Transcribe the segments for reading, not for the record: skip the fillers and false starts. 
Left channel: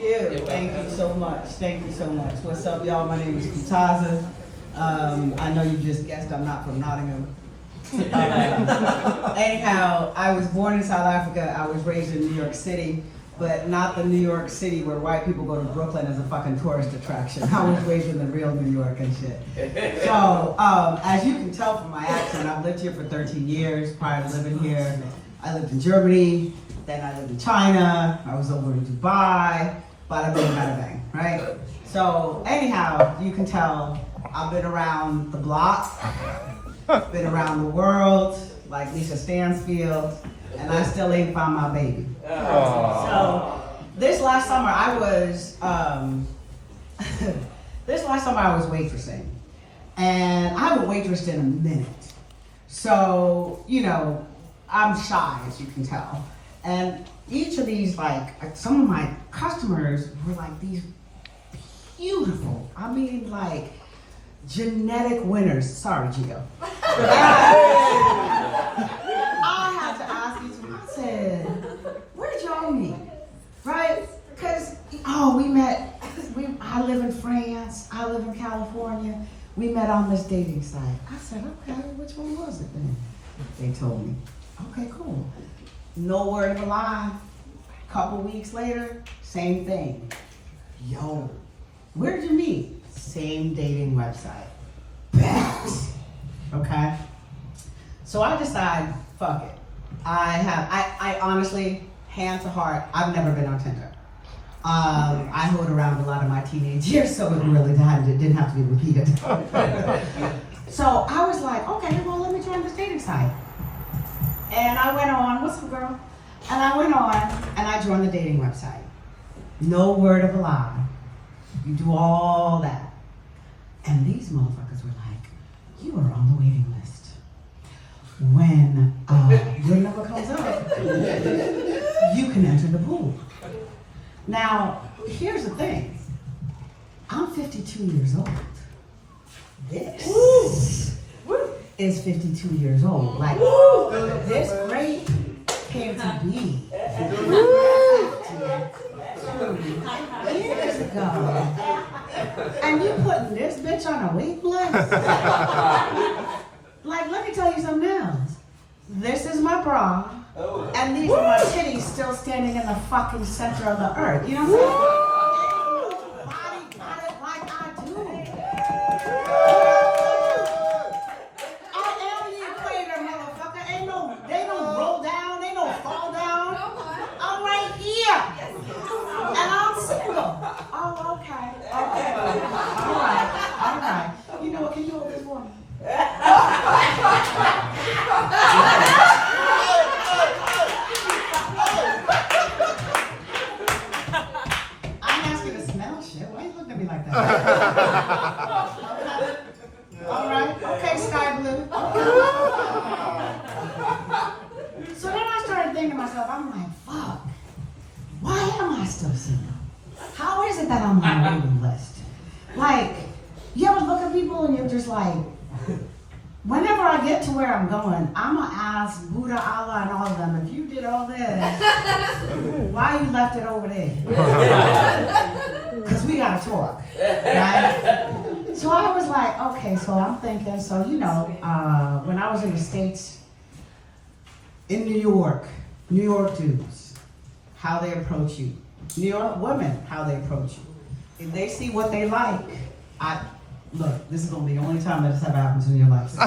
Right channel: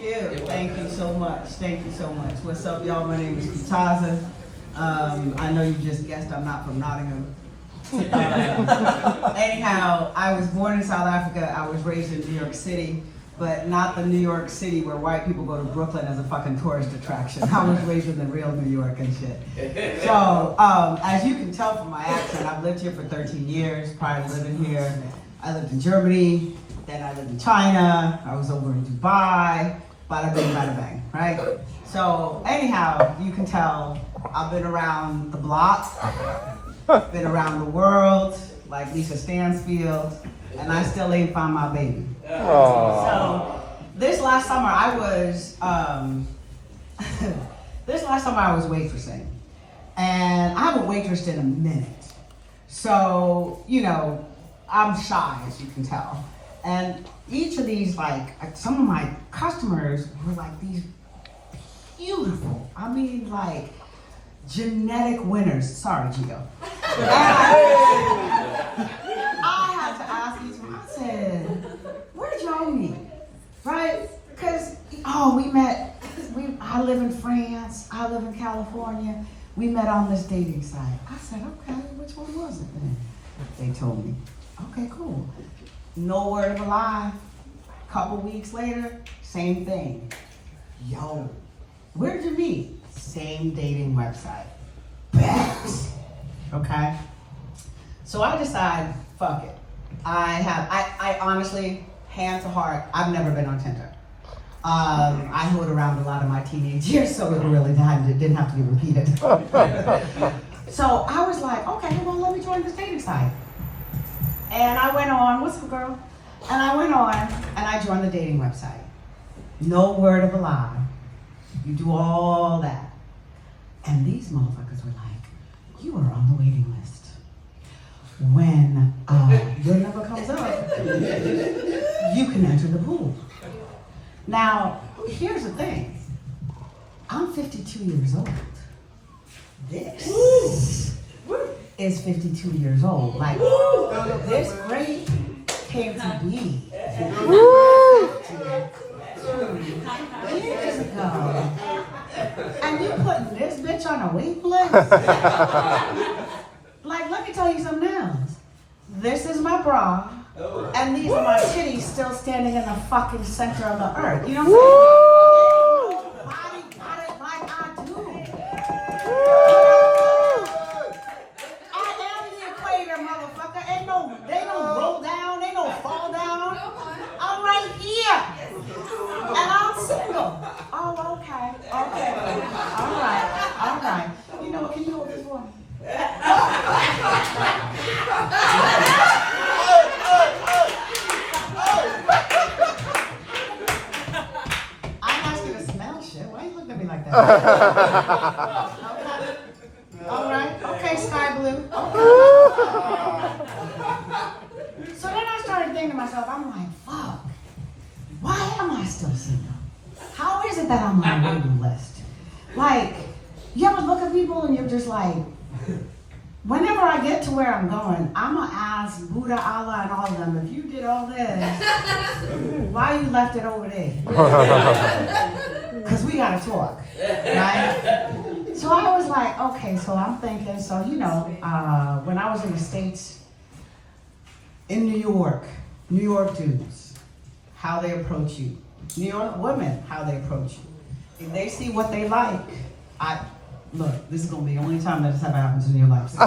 you. Thank you so much. Thank you so much. What's up, y'all? My name is Kitaza. I know you just guessed I'm not from Nottingham. Anyhow, I was born in South Africa. I was raised in New York City, but not the New York City where white people go to Brooklyn as a fucking tourist attraction. I was raised in the real New York and shit. So, as you can tell from my accent, I've lived here for 13 years. Prior to living here, I lived in Germany, then I lived in China, I was over in Dubai, bada bing, bada bang, right? So, anyhow, you can tell I've been around the block, been around the world, like Lisa Stansfield, and I still ain't found my baby. So, this last summer I was waitressing, and I haven't waitressed in a minute. So, you know, I'm shy, as you can tell. And each of these, like, some of my customers were like these beautiful, I mean, like, genetic winners. Sorry, Gio. I had to ask each of them, I said, where did y'all meet? Right? Because, we met, I live in France, I live in California. We met on this dating site. I said, okay, which one was it then? They told me. Okay, cool. No word of a lie. Couple weeks later, same thing. Yo, where'd you meet? Same dating website. Facts. Okay? So I decide, fuck it. I honestly, hand to heart, I've never been on Tinder. I hoed around a lot of my teenage years, so it really didn't have to be repeated. So I was like, okay, well, let me join this dating site. And I went on, what's up, girl? And I went on, and I joined the dating website. No word of a lie. You do all that. And these motherfuckers were like, you are on the waiting list. When your number comes up, you can enter the pool. Now, here's the thing. I'm 52 years old. This is 52 years old. Like, this great came to be 52 years ago. And you putting this bitch on a wait list? Like, let me tell you something else. This is my bra, and these are my titties still standing in the fucking center of the earth. You know what I'm saying? Body got it like I do. I am the equator, motherfucker. They don't roll down, they don't fall down. I'm right here. And I'm single. Oh, okay. All right. You know what? Can you hold this one? I'm asking to smell shit. Why are you looking at me like that? All right. Okay, sky blue. Okay. So then I started thinking to myself, I'm like, fuck. Why am I still single? How is it that I'm on the waiting list? Like, you ever look at people and you're just like, whenever I get to where I'm going, I'm going to ask Buddha, Allah, and all of them, if you did all this, why you left it over there? Because we got to talk, right? So I was like, okay, so I'm thinking, so, you know, when I was in the States, in New York dudes, how they approach you. New York women, how they approach you. If they see what they like, look, this is going to be the only time that this ever happens in your life. So,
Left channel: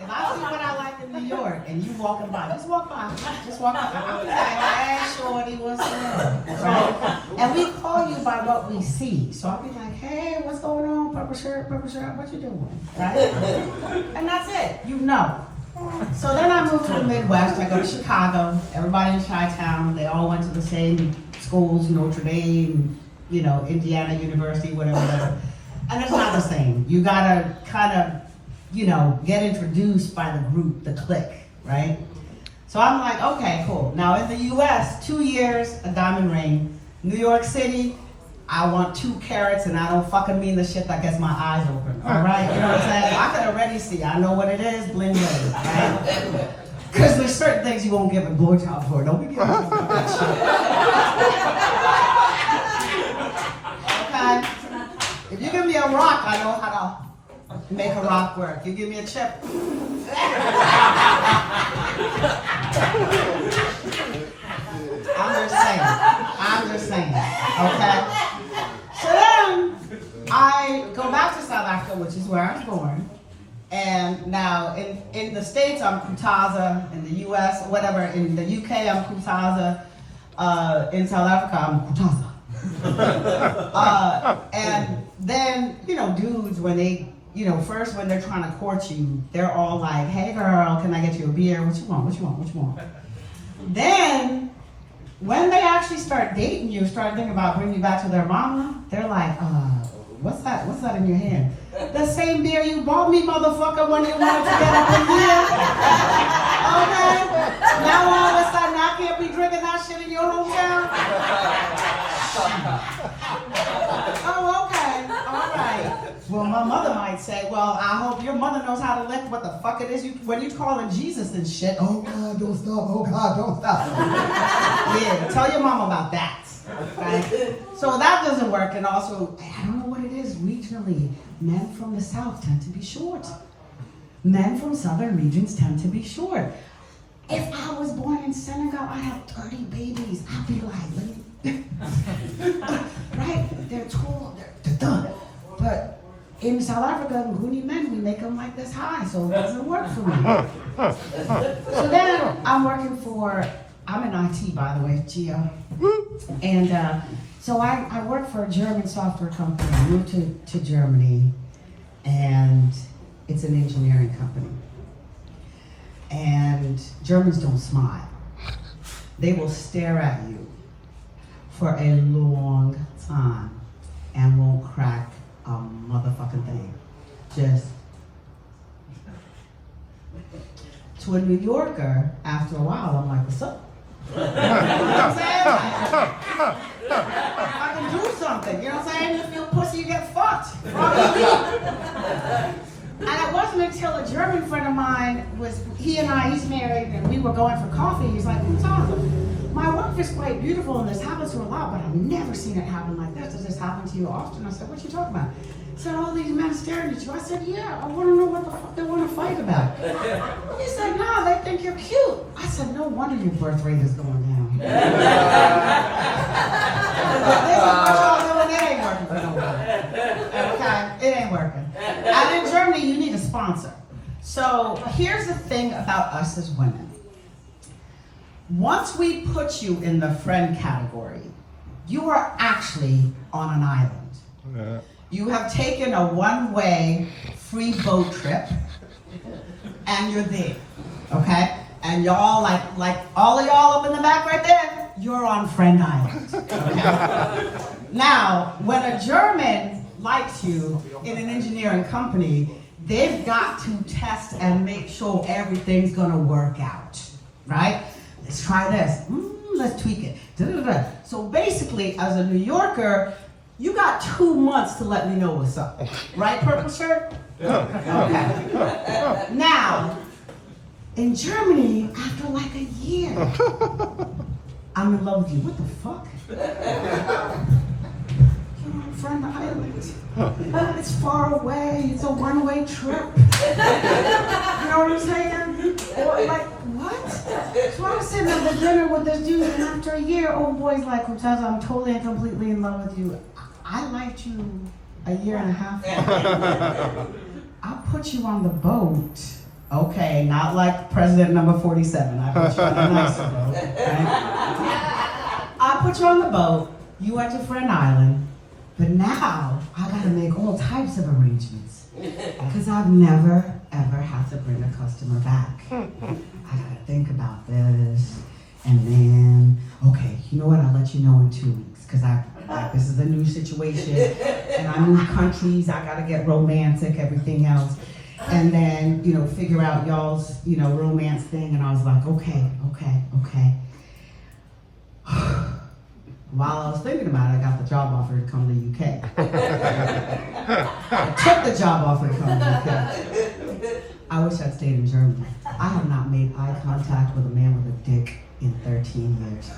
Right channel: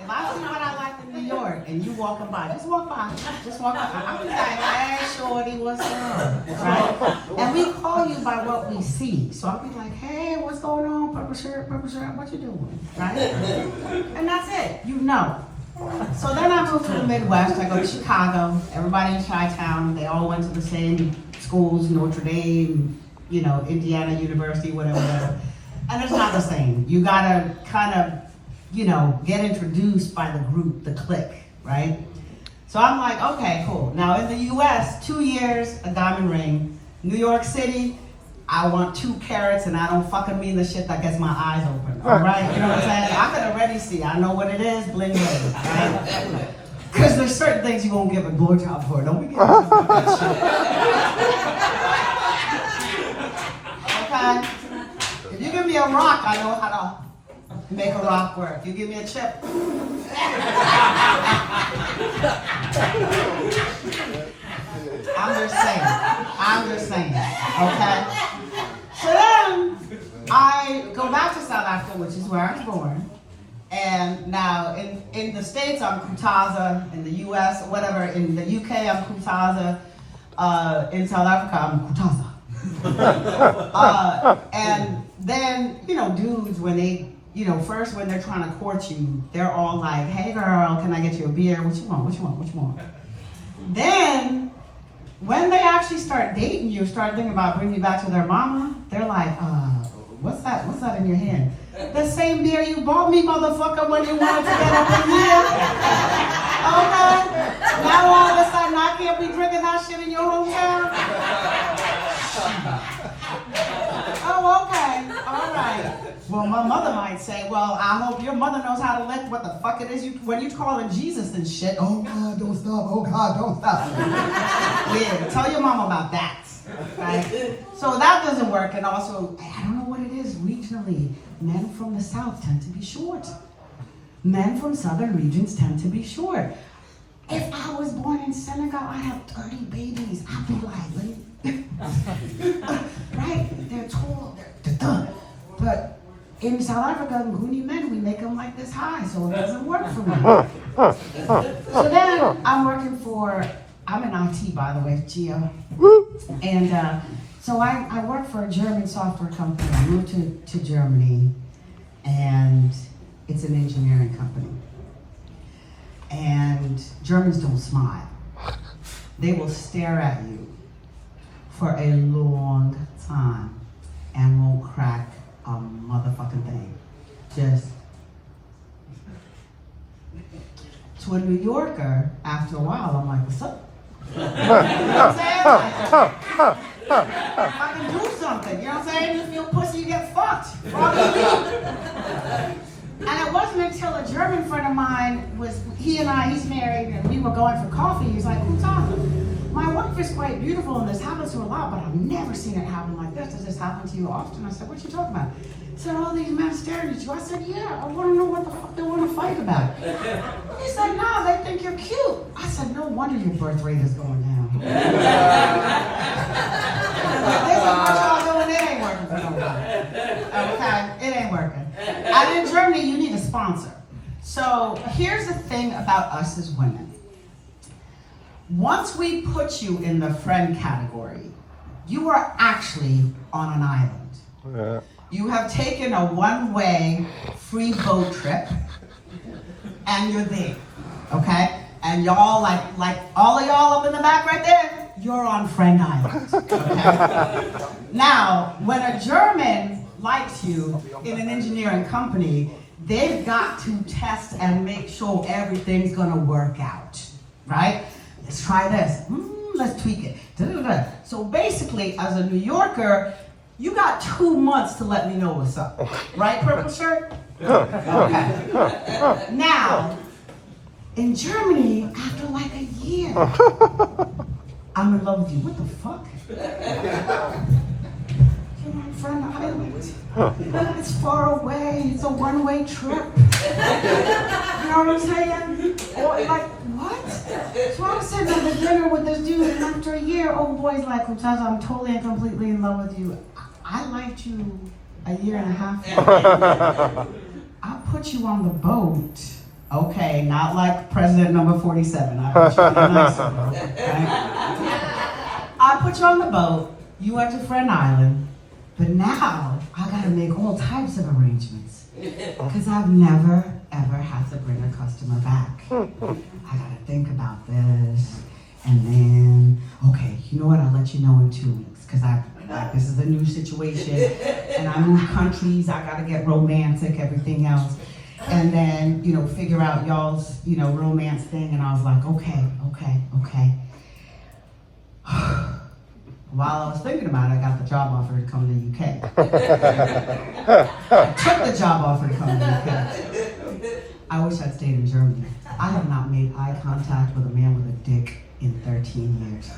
if I see what I like in New York and you walking by, just walk by. I'm like, hey, shorty, what's up? Right? And we call you by what we see. So I'll be like, hey, what's going on? Purple shirt, what you doing? Right? And that's it. You know. So then I moved to the Midwest. I go to Chicago. Everybody in Chi-Town, they all went to the same schools, Notre Dame, you know, Indiana University, whatever. And it's not the same. You gotta kind of, you know, get introduced by the group, the clique, right? So I'm like, okay, cool. Now in the US, 2 years, a diamond ring. New York City, I want 2 carrots, and I don't fucking mean the shit that gets my eyes open. All right, you know what I'm saying? I can already see. I know what it is. Bling bling. Right? Because there's certain things you won't give a blowjob for. Don't be giving me that shit. Okay? If you give me a rock, I know how to make a rock work. You give me a chip. I'm just saying. Okay? So then, I go back to South Africa, which is where I was born. And now, in the States, I'm Kutaza. In the US, or whatever, in the UK, I'm Kutaza. In South Africa, I'm Kutaza. And then, dudes, when they, first when they're trying to court you, they're all like, hey girl, can I get you a beer? What you want? Then, when they actually start dating you, start thinking about bringing you back to their mama, they're like, what's that in your hand? The same beer you bought me, motherfucker, when you wanted to get up in here. Okay? Now all of a sudden I can't be drinking that shit in your hometown? Oh, okay. All right. Well, my mother might say, well, I hope your mother knows how to let what the fuck it is when you calling Jesus and shit. Oh, God, don't stop. Oh, God, don't stop. Yeah, tell your mom about that. Right? So that doesn't work. And also, I don't know what it is regionally. Men from the South tend to be short. Men from southern regions tend to be short. If I was born in Senegal, I'd have 30 babies. I'd be like, right? They're tall, they're done. But in South Africa, Nguni men, we make them like this high, so it doesn't work for me. So then I'm in IT, by the way, Geo. And so I work for a German software company. I moved to Germany, and it's an engineering company. And Germans don't smile. They will stare at you for a long time and won't crack a motherfucking thing. Just to a New Yorker, after a while, I'm like, what's up? You know what I'm saying? I can do something, you know what I'm saying? If you're a pussy, you get fucked. And it wasn't until a German friend of mine he's married, and we were going for coffee. He's like, my wife is quite beautiful, and this happens to her a lot, but I've never seen it happen like this. Does this happen to you often? I said, what you talking about? He said, all these men staring at you. I said, yeah, I want to know what the fuck they want to fight about. He said, no, they think you're cute. I said, no wonder your birth rate is going down. This is what y'all doing, it ain't working for nobody. Okay, it ain't working. And in Germany, you need a sponsor. So here's the thing about us as women. Once we put you in the friend category, you are actually on an island. Yeah. You have taken a one-way free boat trip, and you're there, okay? And y'all, like all of y'all up in the back right there, you're on Friend Island, okay? Now, when a German likes you in an engineering company, they've got to test and make sure everything's gonna work out, right? Let's try this. Let's tweak it. Da-da-da. So basically, as a New Yorker, you got 2 months to let me know what's up. Right, Purple Shirt? Okay. Now, in Germany, after like a year, I'm in love with you. What the fuck? You're on Friend Island. It's far away. It's a one-way trip. You know what I'm saying? Or like, what? So I'm sitting at the dinner with this dude, and after a year, old boy's like, Kutaza, I'm totally and completely in love with you. I liked you a year and a half ago. I'll put you on the boat. Okay, not like President number 47. I'll put you on a nicer boat. Right? I'll put you on the boat. You went to Friend Island. But now, I gotta make all types of arrangements. Because I've never, ever had to bring a customer back. I gotta think about this. And then, okay, you know what? I'll let you know in 2 weeks. Because this is a new situation. And I move countries. I gotta get romantic, everything else. And then, figure out y'all's, romance thing. And I was like, okay. While I was thinking about it, I got the job offer to come to the UK. I took the job offer to come to the UK. I wish I'd stayed in Germany. I have not made eye contact with a man with a dick in 13 years.